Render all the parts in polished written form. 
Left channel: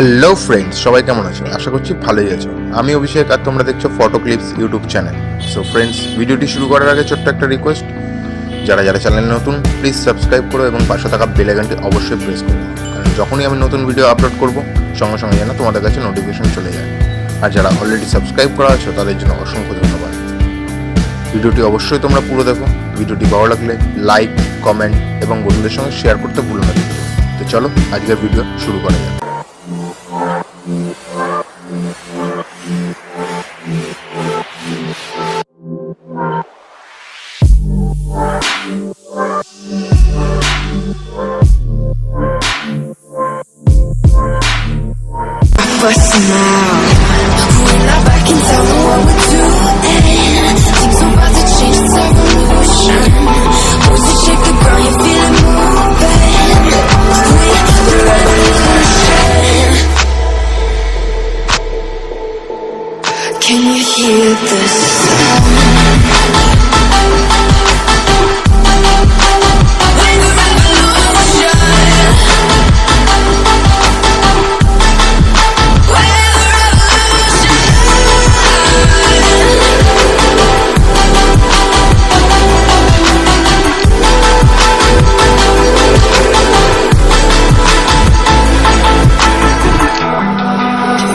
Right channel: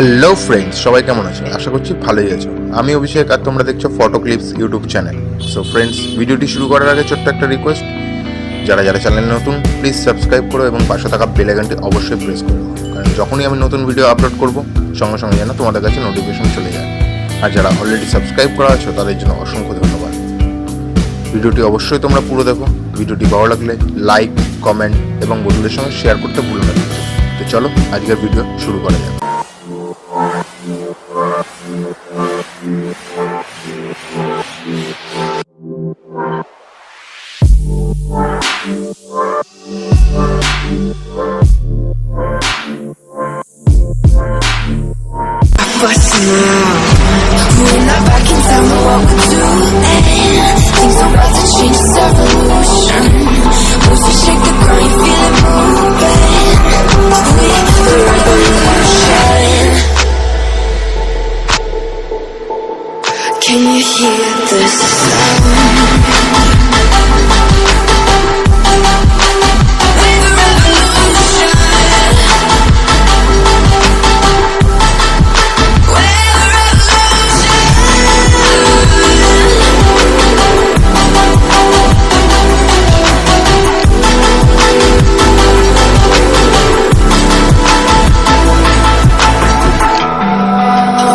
Hello friends, সবাই কেমন আছো? আশা করছি ভালোই আছো। আমি অভিষেক আর তোমরা দেখছো photo clips YouTube channel. So friends, ভিডিওটি শুরু করার আগে ছোট্ট একটা রিকোয়েস্ট, যারা যারা চ্যানেলে নতুন প্লিজ সাবস্ক্রাইব করো এবং পাশে থাকা বেল আইকনটি অবশ্যই প্রেস করো, কারণ যখনই আমি নতুন ভিডিও আপলোড করব সঙ্গে সঙ্গে যেন তোমাদের কাছে নোটিফিকেশন চলে যায়। আর যারা অলরেডি সাবস্ক্রাইব করা আছো তাদের জন্য অসংখ্য ধন্যবাদ। ভিডিওটি অবশ্যই তোমরা পুরো দেখো। ভিডিওটি ভালো লাগলে লাইক, কমেন্ট এবং বন্ধুদের সঙ্গে শেয়ার করতে ভুলো না। তো চলো আজকের ভিডিও শুরু করা যাক। But now we're not back in town, know what we're doing. Things are about to change, it's evolution. Once you shake the ground, you feel it moving. We're the revolution. Can you hear the sound?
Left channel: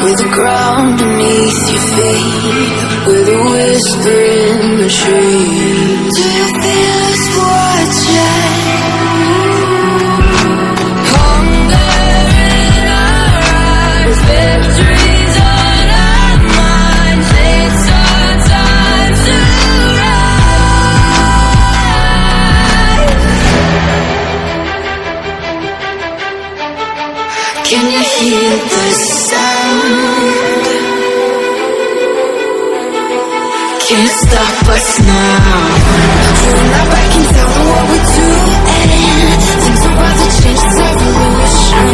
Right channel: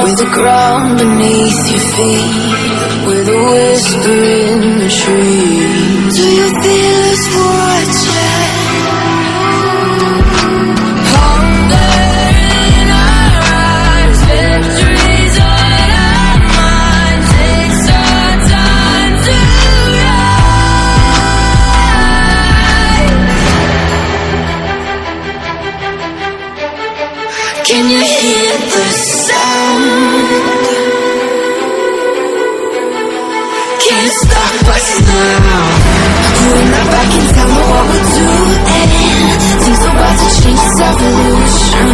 With the ground beneath your feet, with a whisper in the trees. Do you feel us watching? Hunger in our eyes, victories on our minds. It's our time to rise. Can you hear the sound? Can't stop us now. We're not back in town, know what we're doing. Things are about to change, it's evolution.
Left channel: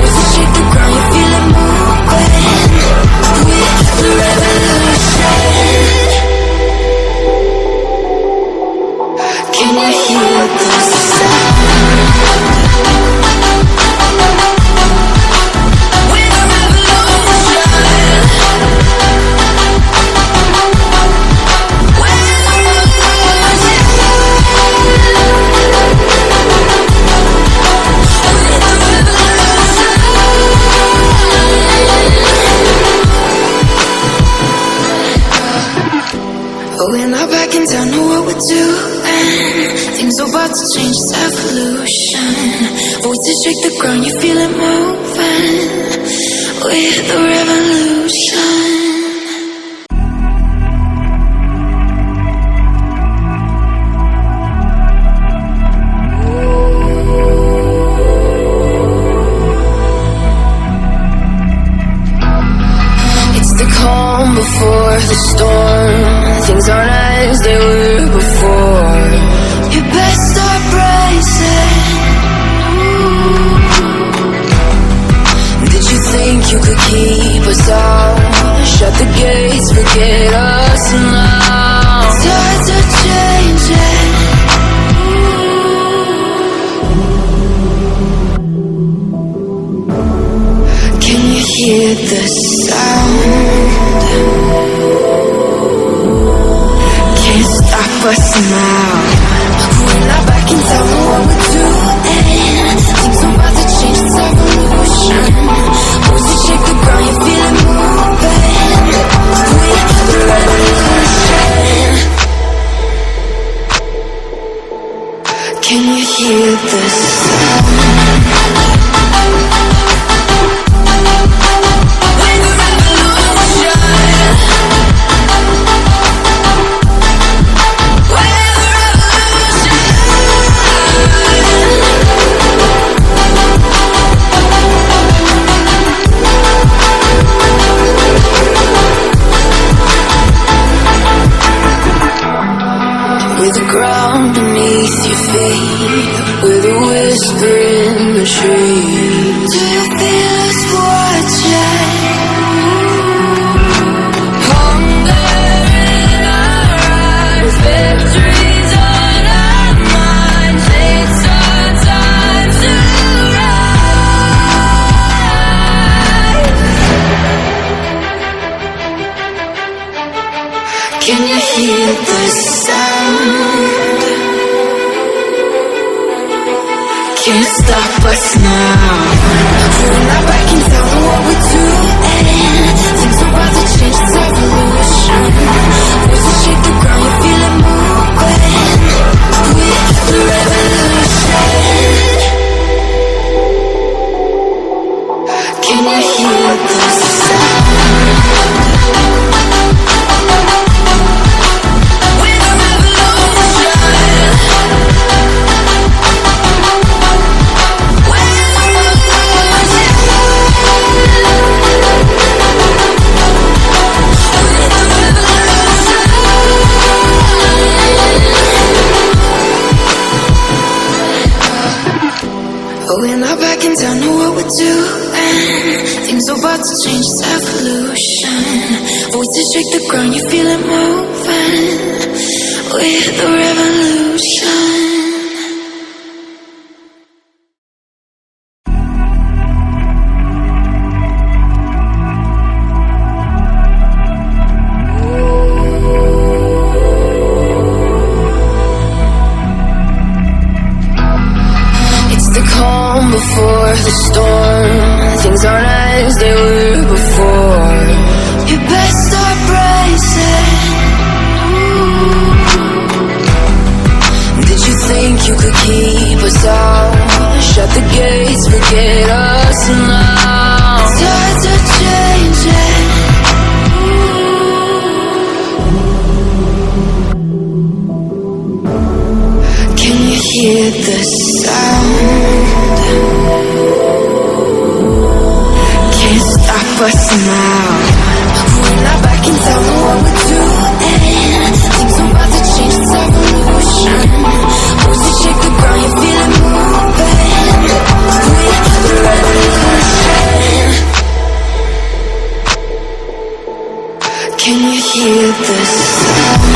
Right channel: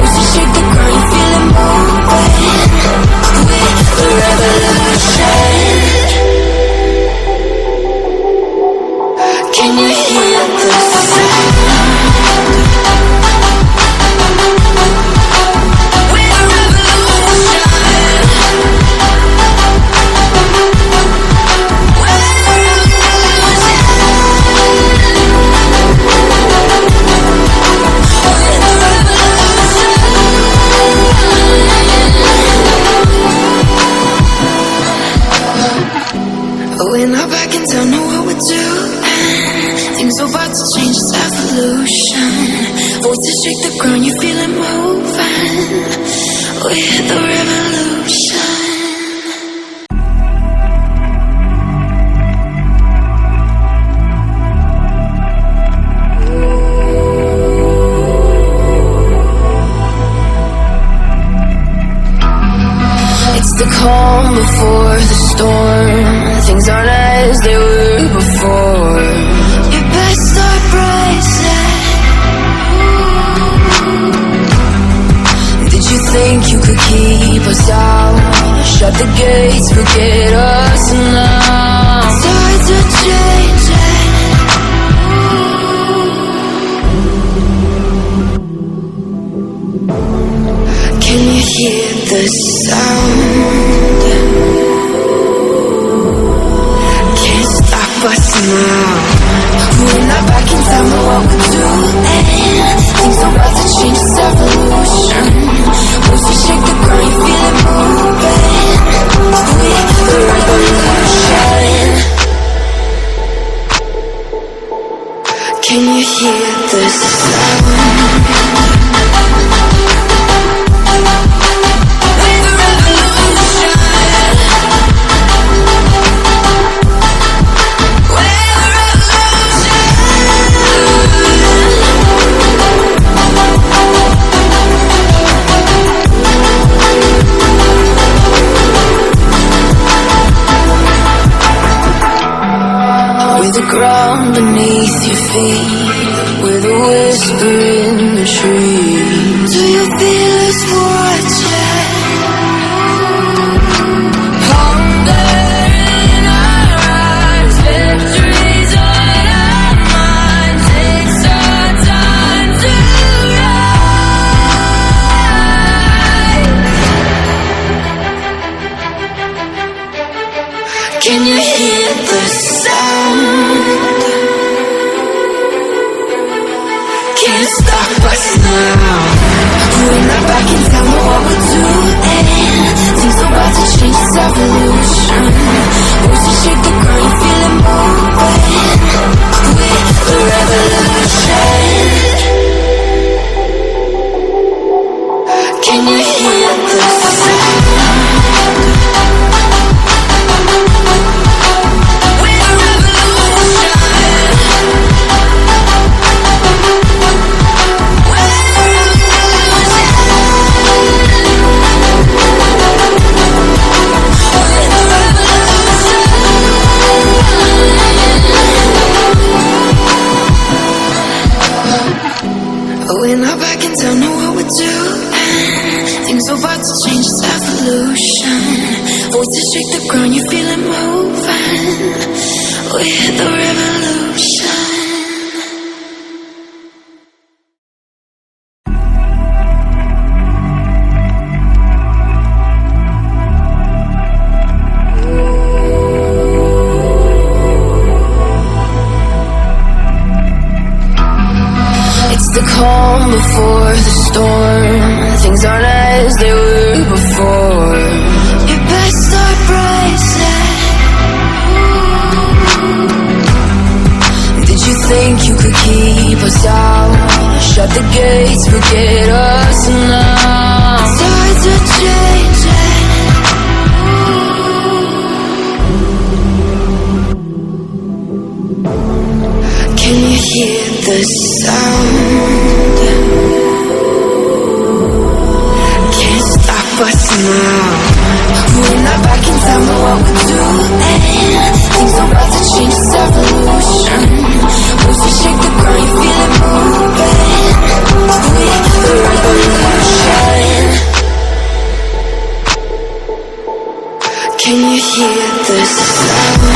Once you shake the ground, you feel it moving. We're the revolution. Can you hear the sound? We're not back in town, know what we're doing. Things are about to change, it's evolution. Voices shake the ground, you feel it moving. We're the revolution. It's the calm before the storm. Things aren't as they were before. You best start bracing. Did you think you could keep us out? Shut the gates, forget us now. Tides are changing. Can you hear the sound? Can't stop us now. We're not back in town, know what we're doing. Things are about to change, it's evolution. Once you shake the ground, you feel it moving. We're the revolution. Can you hear the sound? With the ground beneath your feet, with a whisper in the trees. Do you feel us watching? Hunger in our eyes, victories on our minds. It's our time to rise. Can't stop us now. We're not back in town, know what we're doing. Things are about to change, it's evolution. Voices shake the ground, you feel it moving. We're the revolution. Can you hear the sound? We're not back in town, know what we're doing. Things are about to change, it's evolution. Voices shake the ground, you feel it moving. We're the revolution. The calm before the storm. Things aren't as they were before. You best start bracing. Did you think you could keep us out? Shut the gates, forget us now. Tides are changing. Can you hear the sound? Can't stop us now. We're not back in town, know what we're doing. Things are about to change, it's evolution. Voices shake the ground, you feel it moving. We're the revolution. Can you hear the sound?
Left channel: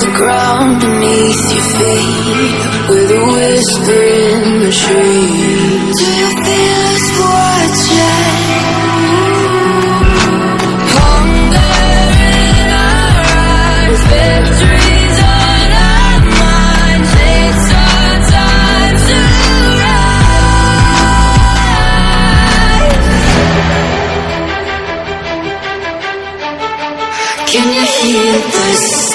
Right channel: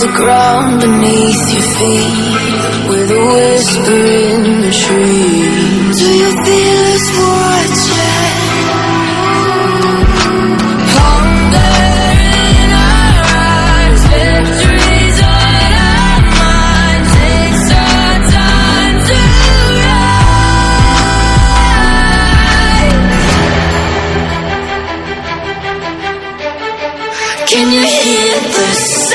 The ground beneath your feet, with a whisper in the trees. Do you feel us watching? Hunger in our eyes, victories on our minds. It's our time to rise. Can you hear the sound?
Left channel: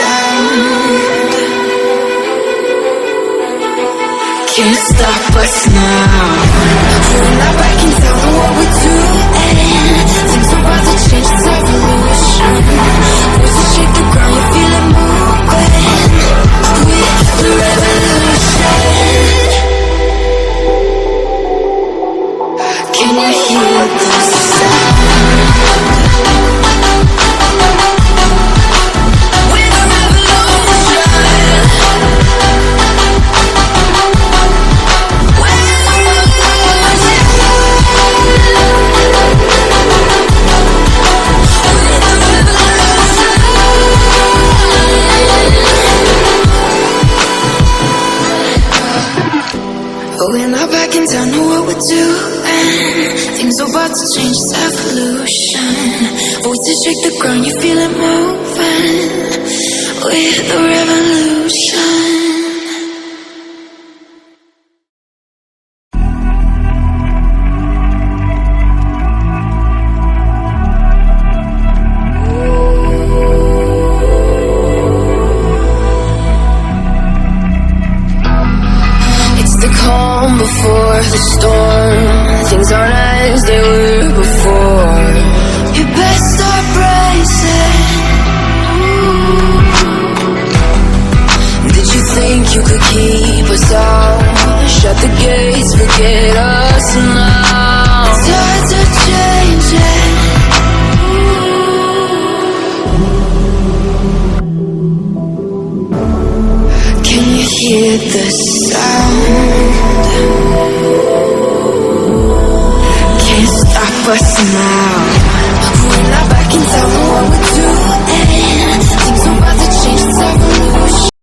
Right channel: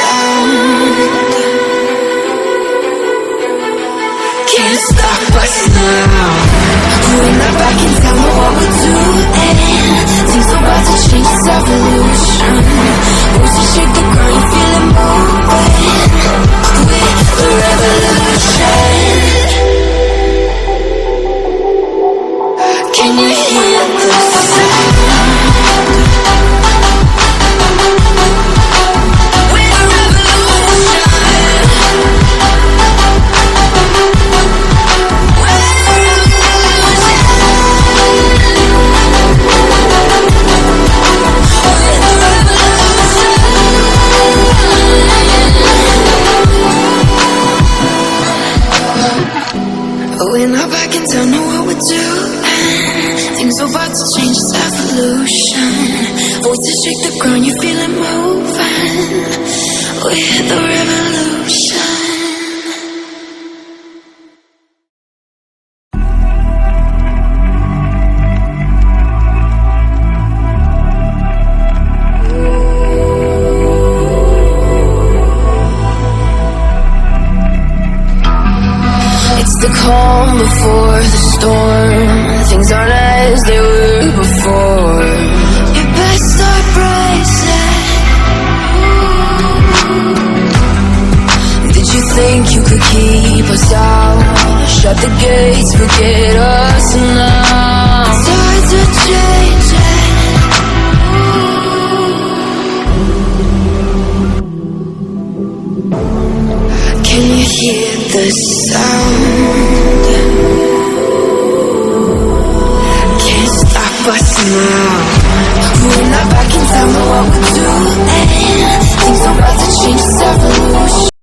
Can't stop us now. We're not back in town, know what we're doing. Things are about to change, it's evolution. Voices shake the ground, you feel it moving. We're the revolution. Can you hear the sound? We're not back in town, know what we're doing. Things are about to change, it's evolution. Voices shake the ground, you feel it moving. We're the revolution. The calm before the storm. Things aren't as they were before. You best start bracing. Did you think you could keep us out? Shut the gates, forget us now. Tides are changing. Can you hear the sound? Can't stop us now.